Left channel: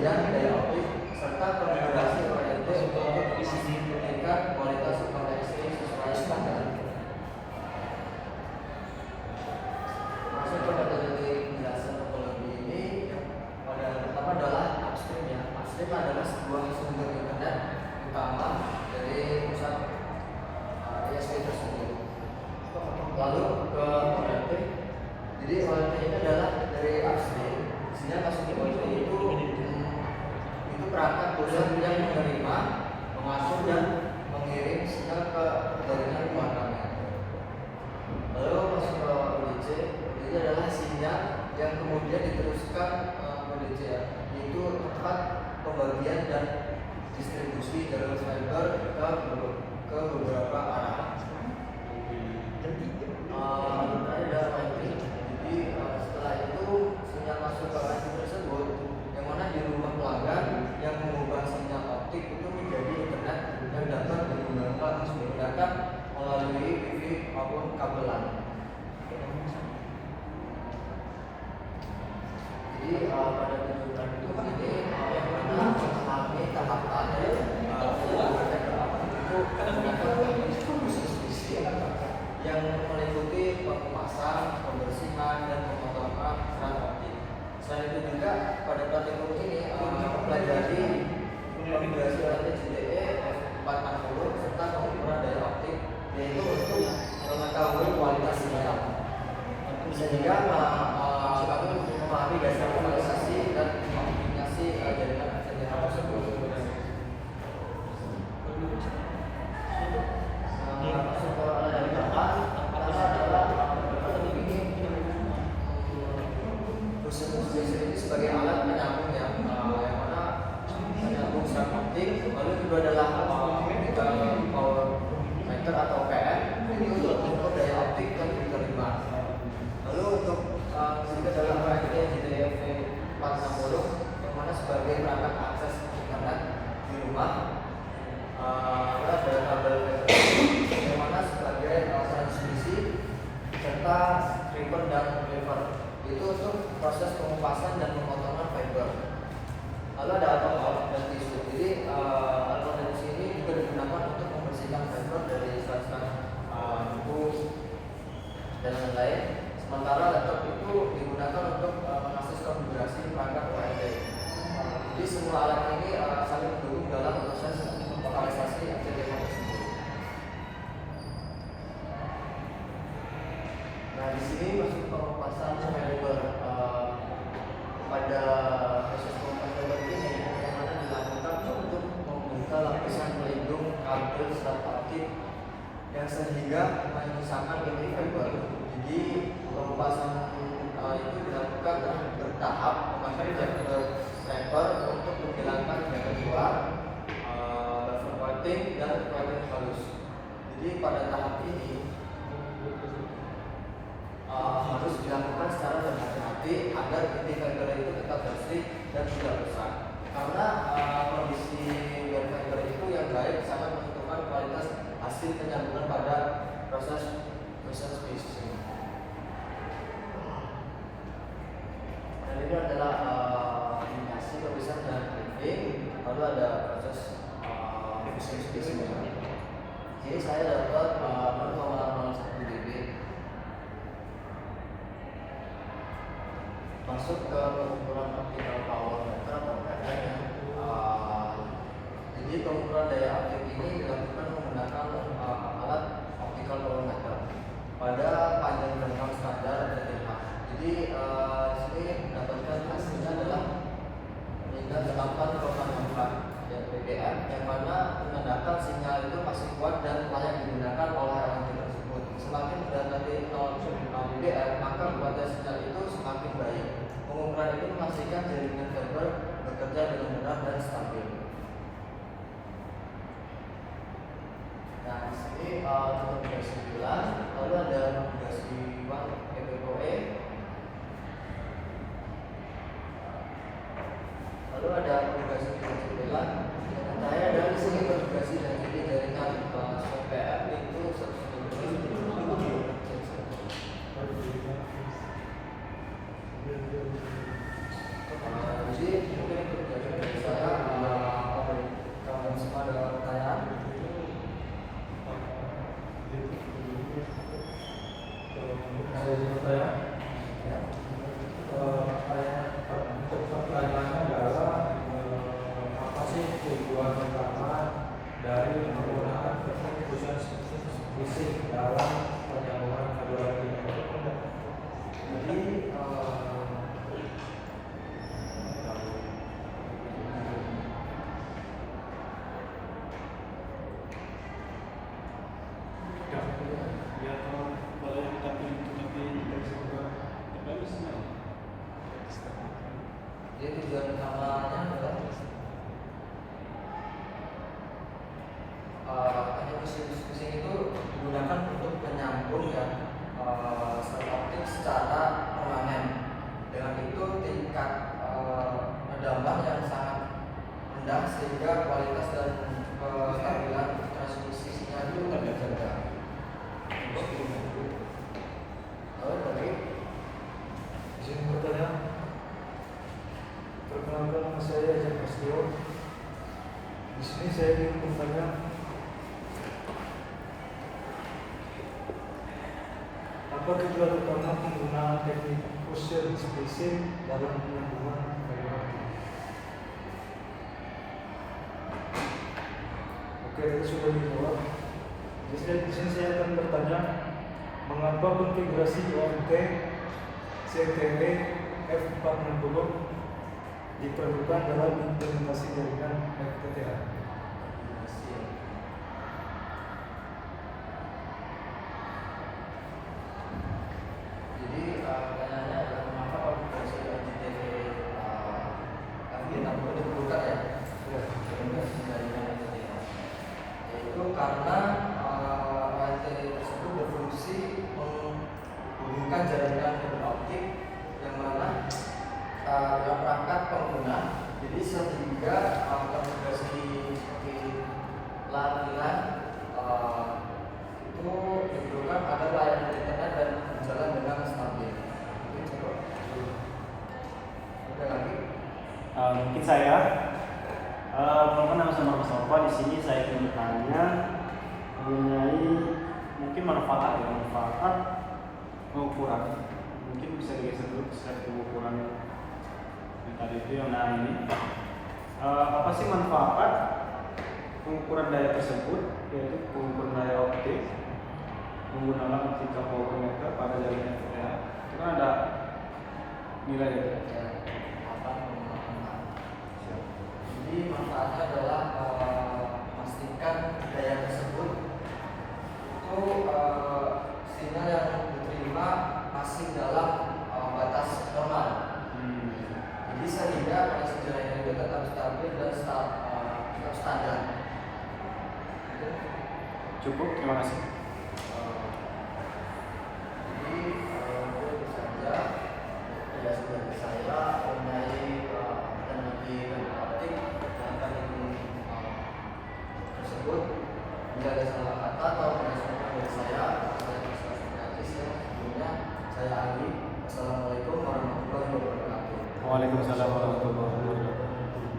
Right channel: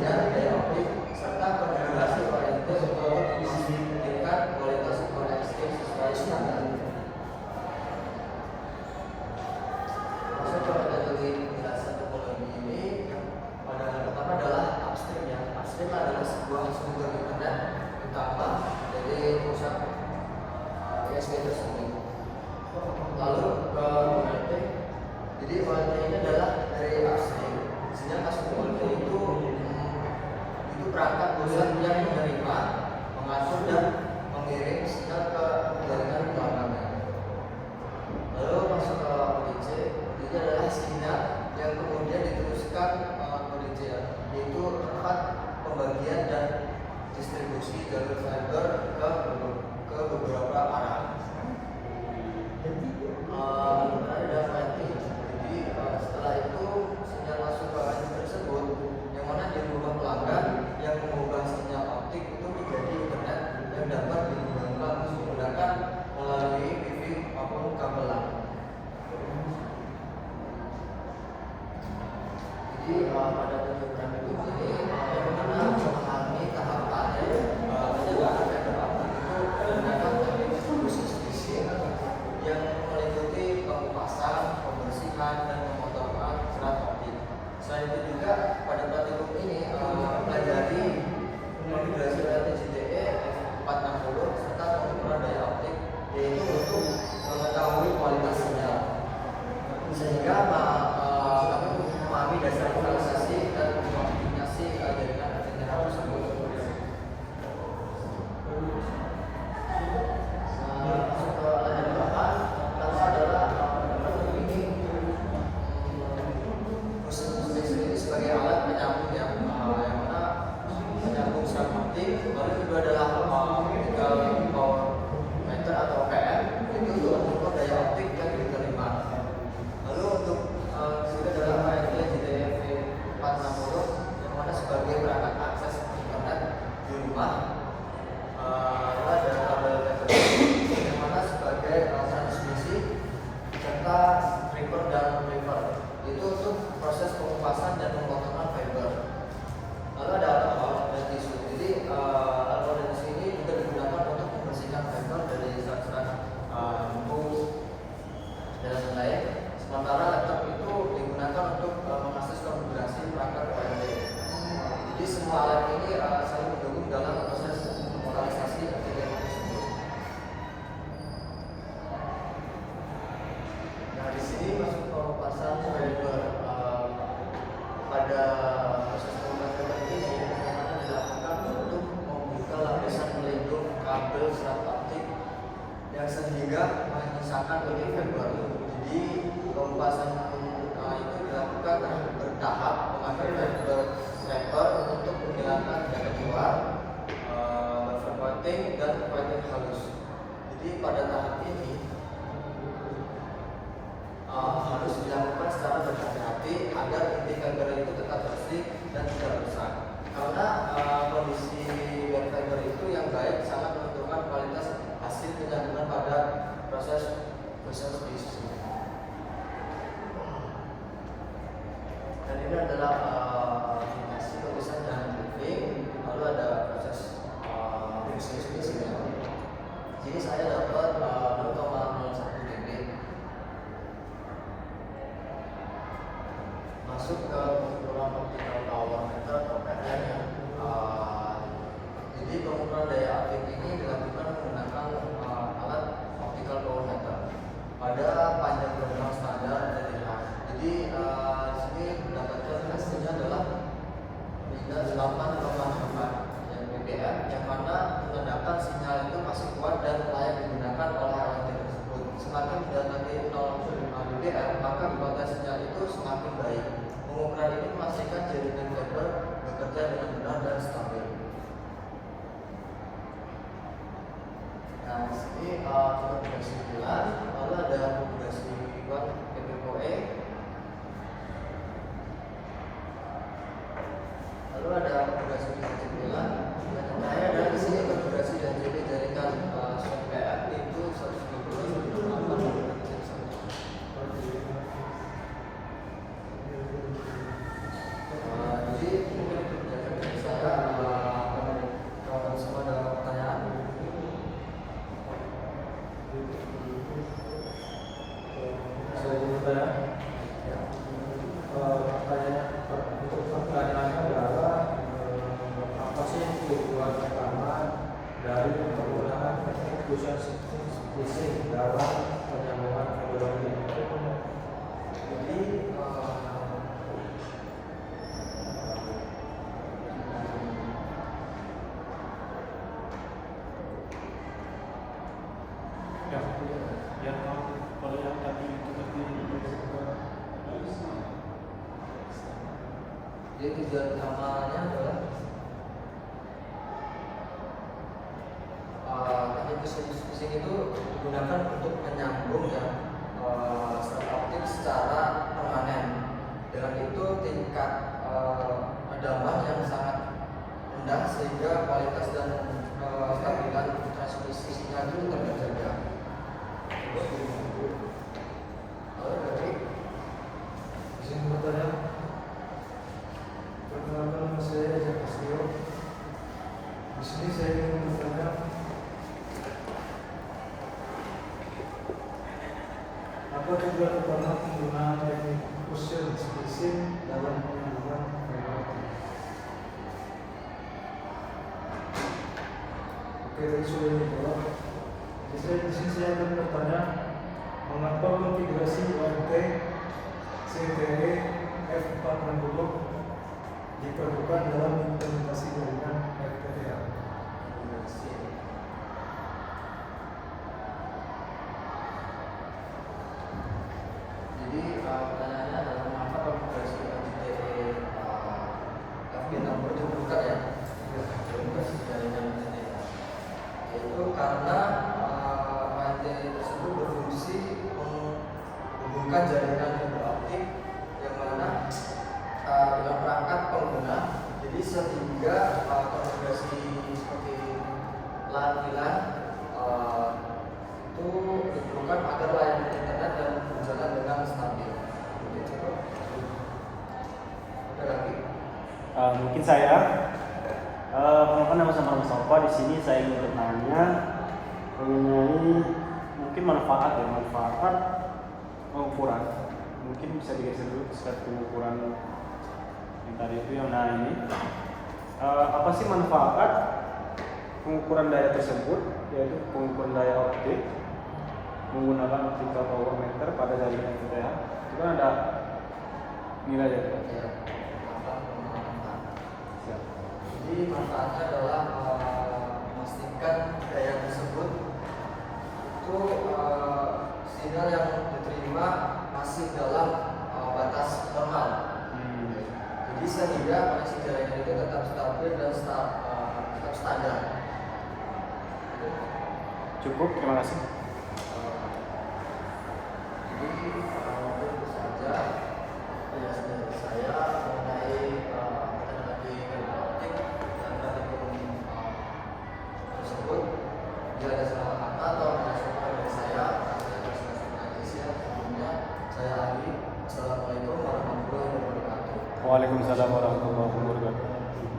dan daya optik serta konfigurasi OLED untuk memastikan kualitas koneksi sesuai standar. Masuk ke metode penjelasan topologi ini, pada pertama adalah upstream ya. Upstream adalah sebuah sumber internet utama dari pusat ISP tersebut. Lalu ke OLT. Jadi OLT ini adalah dari upstream. Sinyal masuk ke OLT itu perangkat pusat yang menerima, mengatur dan mengirim sinyal ke jaringan belakangnya. Lalu masuk ke ODC. ODC adalah sinyal yang kemudian diteruskan ke ODC, yaitu tempat pembagian dan distribusi jalur fiber ke beberapa arah. Ada ranking. Jadi setelah itu sinyal masuk ke ranking tersebut, yang mana di rumah pelanggan yang mengubah sinyal optik itu menjadi internet yang dapat digunakan melalui wifi maupun kabel LAN. Jadi pada tuntutan itu ini yang mana memahami tahapan penyelenggara fiber optik itu menggunakan teknik distribusi yang meliputi pengupasan, pembersihan, dan pemotongan serat optik. Selain itu juga pada praktikum ini mempelajari konfigurasi OLT JDE F460 serta pengukuran daya optik, yaitu untuk mengetahui kualitas sinyal. Sehingga kami memahami dasar lokalisasi dan optimasi jaringan internet tersebut. Masuk ke alat yang pertama adalah ini sebagai alat penyambung yang mana menyambung serat optik. Lalu kedua adalah optical power meter atau OPM, itu untuk mengukur daya optik yang diterima. Lalu untuk juga adalah OLT JDE 460 yang mana sebagai perangkat akses internet di rumah. Lalu ada kabel fiber yang mana sebagai transmisi serta stripper dan deliver, itu untuk proses pengupasan dan pemotongan fiber. Lalu ada alkohol dan tisu. Jadi alkohol dan tisu ini juga digunakan untuk membersihkan fiber dari serat-serat bumbu dan lain-lain. Sementara laptop itu digunakan untuk mengakses konfigurasi perangkat OLT. Jadi semua alat ini saling mendukung dalam proses lokalisasi jaringan tersebut. Nah, di sini masuk pengupasan fiber. Pada proses pengupasan fiber ini yang mana dilakukan untuk membuka lapisan pelindung kabel serat optik yang sehingga menyisakan titik fiber. Jadi pengupasan itu dilakukan bertahap memakai fiber striper untuk menghilangkan yang kedua buffer whiting dan whiting halus. Jadi pada tahap ini harus dilakukan secara berhati-hati agar inti fiber itu tetap bersih dan tidak rusak. Karena kondisi dari fiber itu yang baik sangat menentukan kualitas hasil penyambungan pada proses species. Dan ini adalah indikasi pemisahan dan briefing. Lalu ada proses species. Jadi saya dapat 0,01 dB. Masuk ke pengukuran optical power meter atau PPM ya. Jadi pengukuran daya optik ini dilakukan menggunakan alat optical power meter pada panjang gelombang standar RTH. Jadi sini mendapatkan hasilnya adalah minus 8,64 dBm, yang mana menandakan sinyal itu masih kuat dan layak digunakan oleh OLT tersebut. Semakin mendekati 0,5 dBm, maka kualitas sinyal itu semakin baik. Pengukuran ini memastikan jaringan fiber bekerja dengan benar dan stabil. Nah, di sini konfigurasi VLAN, lalu ada konfigurasi WAN PPOE, lalu ada konfigurasi VLAN. Dan saya ada di sini konfigurasi dari jaringan SOPF itu 192.8. Jadi ini bising dalam penyambungan fiber optik. Jadi ya kalau yang tapi seperti jadi tujuan utamanya adalah teknik pusing itu digunakan untuk menyambung ya sel optik secara permanen. Dengan itu tingkat pendambah yang sangat rendah sehingga kualitas dan kestabilan transmisinya itu terjaga. Lalu dari izin bertanya. Perkenalkan nama saya Jan Astio. Di sini saya ingin bertanya, apa tujuan utama penggunaan teknik Fusion spacing dalam penyambungan fiber optik? Oke, tadi sudah dijawab. Di sini saya akan bertanya, mengapa konfigurasi OMT CTW F460 diperlukan dalam implementasi jaringan FTTH? Jadi pertanyaannya adalah mengapa konfigurasi OMT F460 diperlukan ya? Yaitu karena ONT tersebut berfungsi menghubungkan jaringan fiber optik yang mana dengan perangkat pengguna, jadi sehingga konfigurasi seperti LAN itu diperlukan agar layanan internet dan berjalan dengan stabil. Ada lagi? Mungkin saya nama Mustafa. Di sini saya ingin bertanya mengenai mungkin manfaat pengukuran. Mungkin bisa dikasih dulu step pengukuran yang tadi itu yang ini. Apa sih manfaat pengukuran daya tersebut, yaitu pengukuran daya optik menggunakan optika power meter pada jaringan FTTH? Itu kan ada nilai ya. Jadi manfaatnya adalah memastikan daya tersebut itu sinyal yang diterima masih dalam batas normal. Jadi sehingga koneksi jaringan itu tetap stabil dan tetap standar. Cukup, terima kasih. Jadi itu saja penjelasan dari saya mengenai